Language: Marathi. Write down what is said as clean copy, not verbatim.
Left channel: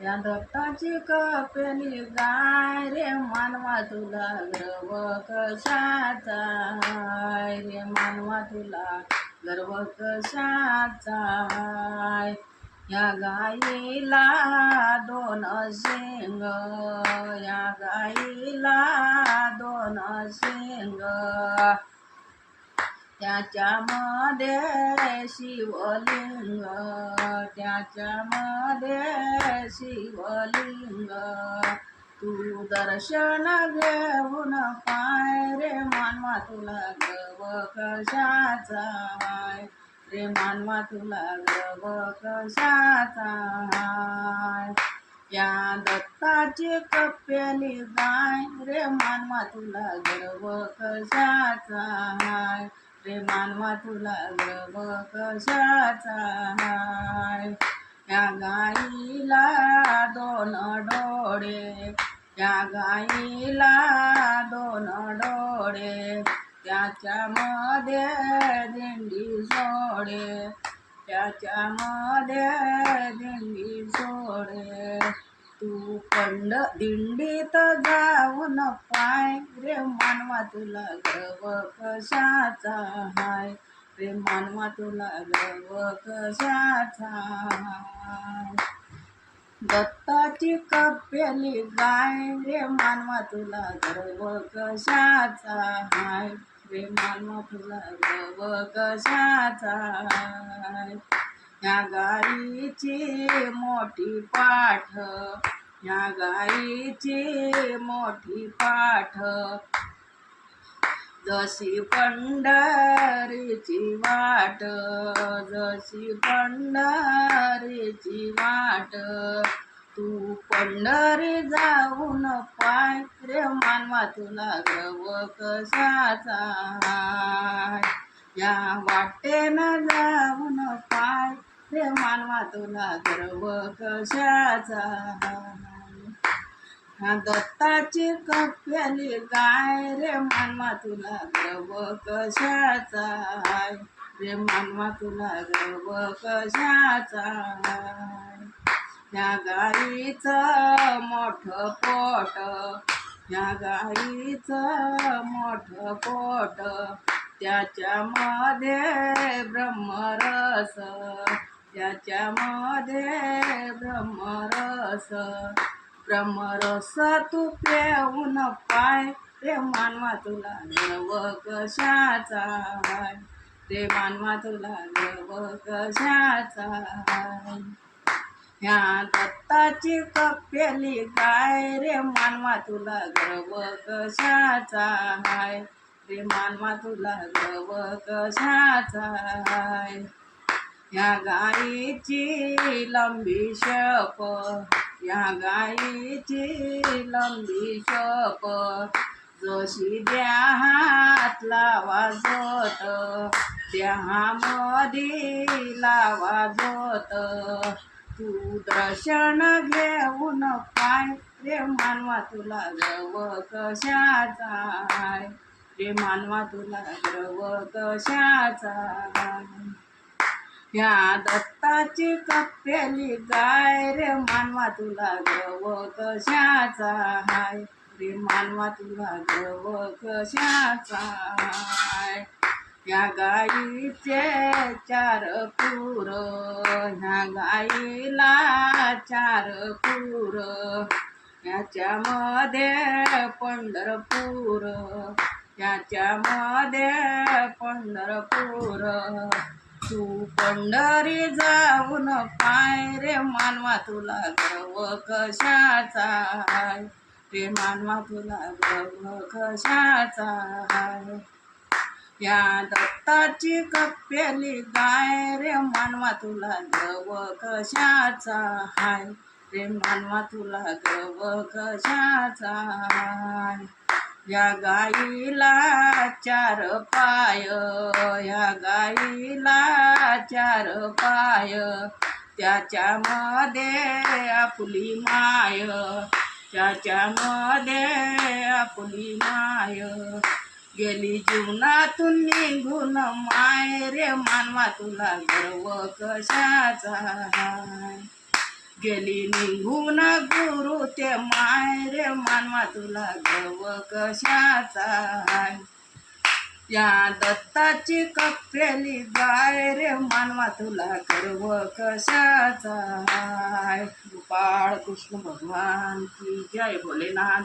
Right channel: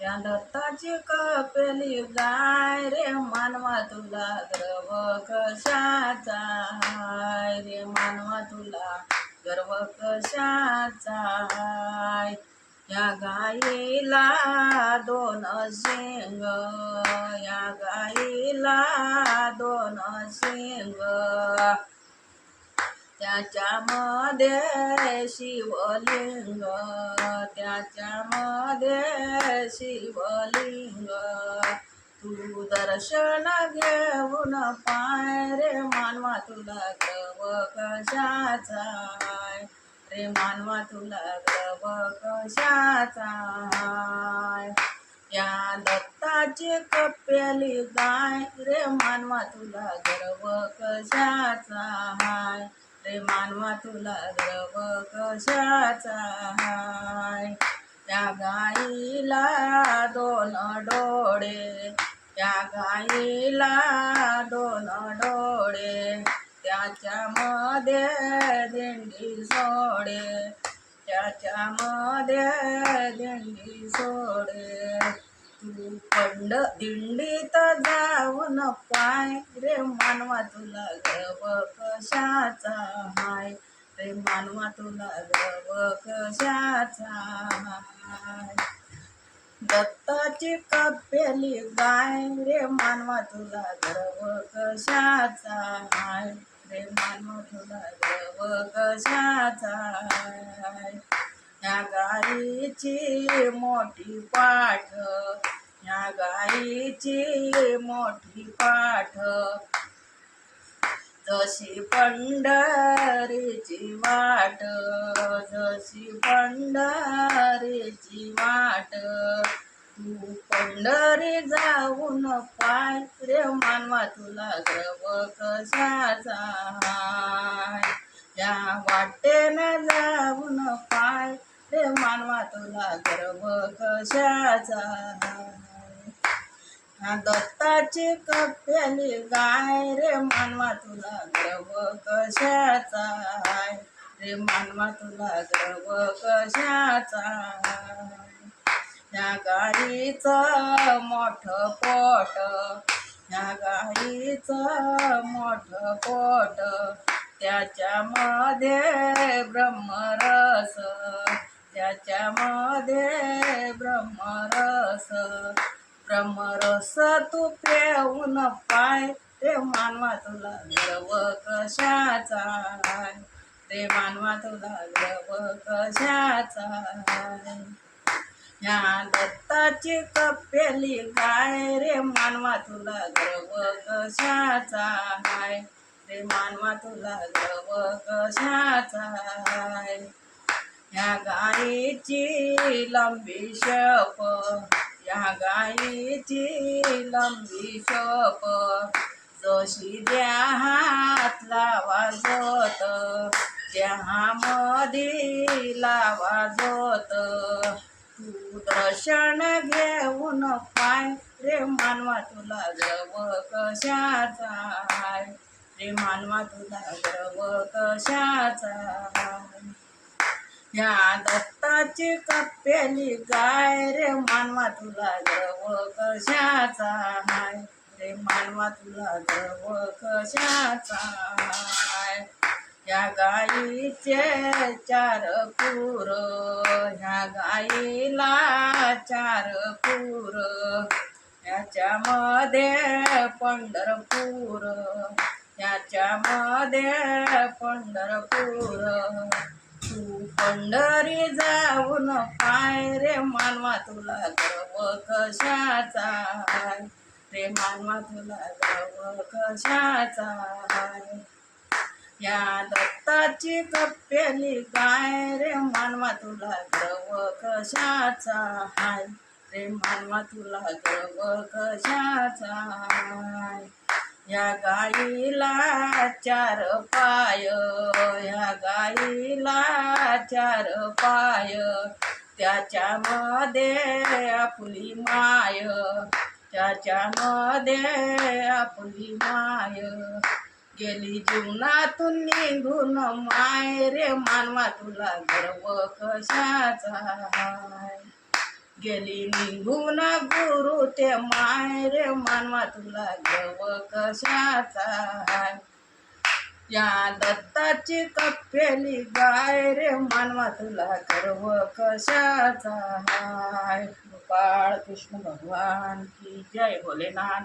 या दत्ताची कपेली गाय रे मानवा तुला गर्व कशाचा हाय रे मानवा तुला गर्व कशाचा हाय या गाईला दोन शेंग या गाईला दोन शेंग त्याच्यामध्ये शिवलिंग त्याच्यामध्ये शिवलिंग तू दर्शन घेऊन पाय रे मानवा तुला गर्व कशाचा हाय रे मानवा तुला गर्व कशाचा हाय या दत्ताची कपेली गाय रे मानवा तुला गर्व कशाचा हाय रे मानवा तुला गर्व कशाचा हाय या गाईला दोन डोळे या गाईला दोन डोळे त्याच्यामध्ये दिंडी सोडे त्याच्यामध्ये दिंडी सोडे तू दिंडीत जाऊन पाय रे मानवा तुला गर्व कशाचा हाय रे मानवा तुला गर्व कशाचा हाय दत्ताची कपेली गाय रे मानवा तुला गर्व कशाचा हाय रे मानवा तुला गर्व कशाचा हाय या गाईची मोठी पाठ या गाईची मोठी पाठ जशी पंढरीची वाट जशी पंढरीची वाट तू पंढरी जाऊन पाय रे मानवा तुला गर्व कशाचा हाय या वाटेनं जाऊन पाय रे मानवा तुला गर्व कशाचा हाय दत्ताची कपेली गाय रे मानवा तुला गर्व कशाचा हाय रे मानवा तुला गर्व कशाचा हाय या गाईचं मोठं पोट या गाईचं मोठं पोट त्याच्यामध्ये ब्रह्मरस त्याच्यामध्ये ब्रह्मरस तू पिऊन पाय रे मानवा तुला गर्व कशाचा हाय रे मानवा तुला गर्व कशाचा हाय या दत्ताची कपेली गाय रे मानवा तुला गर्व कशाचा हाय रे मानवा तुला गर्व कशाचा हाय या गाईची लंबी शप या गाईची लंबी शप जशी देहात लावा जोत देहामध्ये लावा जोत तू दर्शन घेऊन पाय रे मानवा तुला गर्व कशाचा हाय रे मानवा तुला गर्व कशाचा हाय या दत्ताची कपेली गाय रे मानवा तुला गर्व कशाचा हाय रे मानवा तुला गर्व कशाचा हाय या गाईचे चार पूर ह्या गाईला चार पूर याच्यामध्ये पंढरपूर याच्यामध्ये पंढरपूर तू पंढरी जाऊन पाय रे मानवा तुला गर्व कशाचा हाय रे मानवा तुला गर्व कशाचा हाय या दत्ताची कपेली गाय रे मानवा तुला गर्व कशाचा हाय रे मानवा तुला गर्व कशाचा हाय या गाईला चार पाय या गाईला चार पाय त्याच्यामध्ये आपली माय त्याच्यामध्ये आपली माय गेली जीवनातून निघून माय रे मानवा तुला गर्व कशाचा हाय गेली निघून गुरु ते माय रे मानवा तुला गव कशाचा हाय. या दत्ताची कप्पेली गाय रे मानवा तुला गर्व कशाचा हाय. गोपाळ कृष्ण भगवान की जय. भोलेनाथ